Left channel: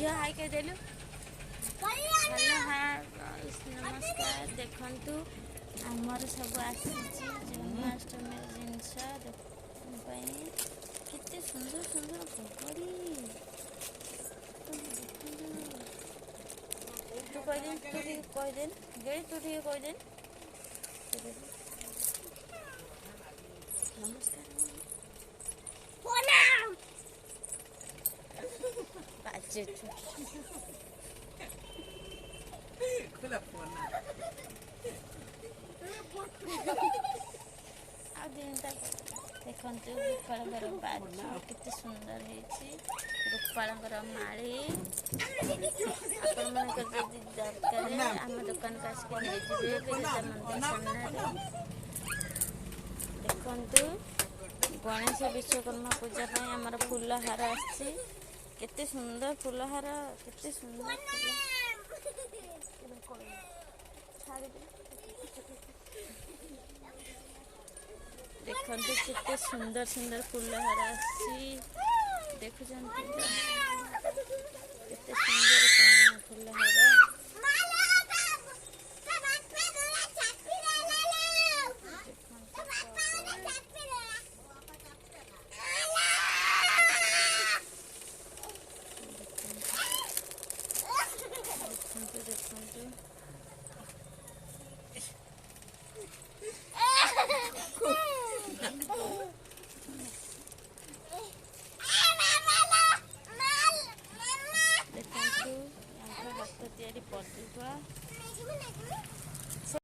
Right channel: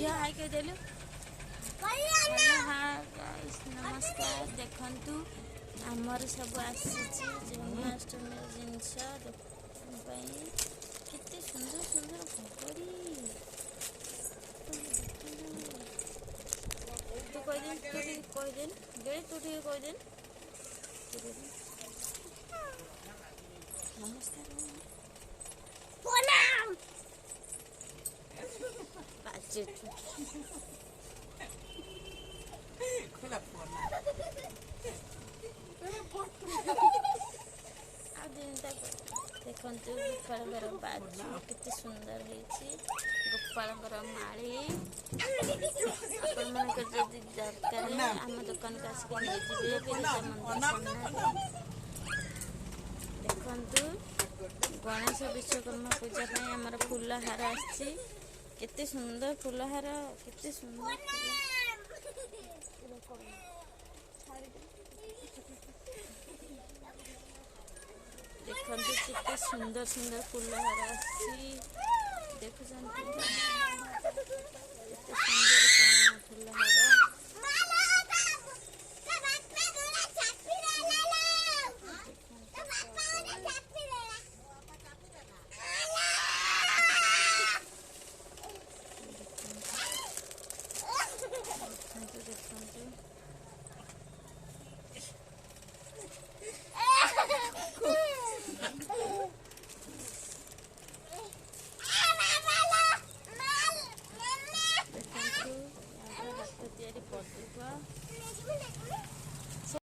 झील हाई कह देलु हेलो हाँ नमस्कार देखंतु आमर सब आसी जन्माष्टमी जिनस केते सुंदर सुंदर पकड़ी तू कहदेन तू कहदेन गे तू कहदेन नमस्कार बाजे देखु गोपाल बाजू केते सुंदर है गोपाल माली आपण दरकार आम दुकान को आसिक नहीं बिरजा मंदिर सामने देखु गणेश विश्वकर्मा पूजा आमर फूल हार आसी केते सुंदर फूल हार केते सुंदर देखु केते सुंदर सुंदर फूल हार आसी देखुं केते सुंदर फूल हार।